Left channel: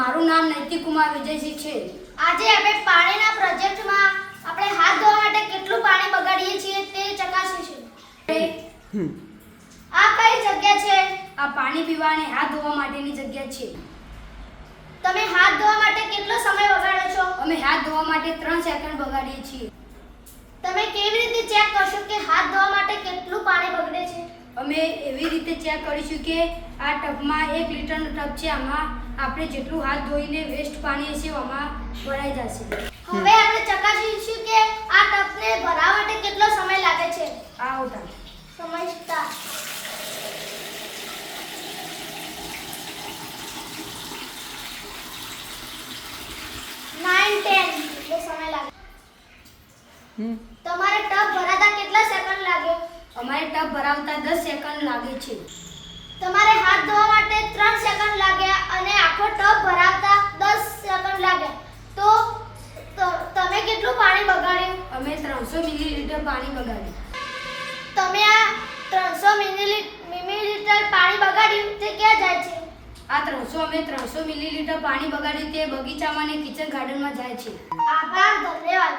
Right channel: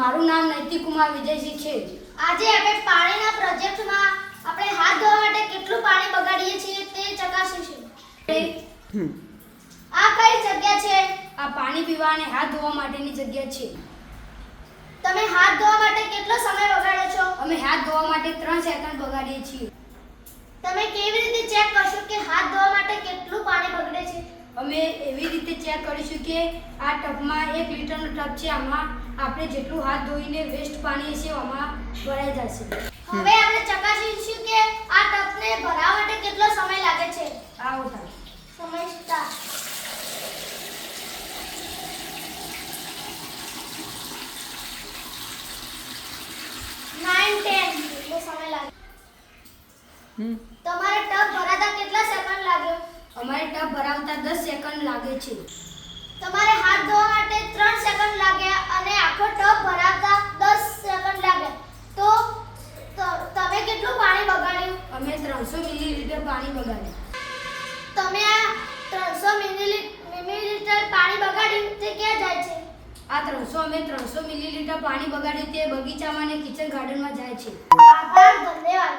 મારું નામ નૈતિક કુમાર વિજયસિંહ છે. આજે આપણે પાણીના પ્રોજેક્ટમાં આપણે હાથ ધોવા માટે કેટલું પાણી બગાડીએ છીએ તે ચકાસીશું. આ કઈ જગ્યા છે? આ પાણી પીવા અને હાથ ધોવા માટેની જગ્યા છે. તમે હાથ ધોવા માટે કેટલો સમય બગાડો છો? અમે હાથ ધોવા માટે 3 સેકન્ડ બગાડીએ છીએ. તમે કેવી રીતે ચેક કરશો કે હાથ ધોવા માટે કેટલું પાણી બગડે છે? અમે એવી રીતે ચેક કરીશું કે આ ટબમાં 1 લીટરનો ટબ છે, આમાં આપણે જેટલું હાથ ધોઈને વેસ્ટ પાણી હશે આમાં ભરાઈ જશે. હવે આપણે ચકાસીશું કે આ ટબને ભરાવા માટે કેટલો સમય લાગે છે. આ ઉઠા સમય સ્ટાર્ટ. એટલો સમય લાગે. તમારે ટબ ભરાતા કેટલા સેકન્ડ લાગે? અમારે ટબ ભરાવતા 10 સેકન્ડ લાગે છે. તમારે હાથ ધોવા માટે 3 સેકન્ડ લાગ્યા અને આખો ટબ ભરાવતા 10 સેકન્ડ લાગ્યા. તો તમે કેટલું પાણી બગાડ્યું? અમે 300 મિલીલીટર પાણી બગાડ્યું. તમે આ 300 મિલીલીટર પાણી બગાડ્યું તે ક્યાં જાય છે? આ 300 મિલીલીટર પાણી બગાડ્યું તે બગીચામાં અને કિચન ગાર્ડનમાં જાય છે. આભાર, ધન્યવાદ.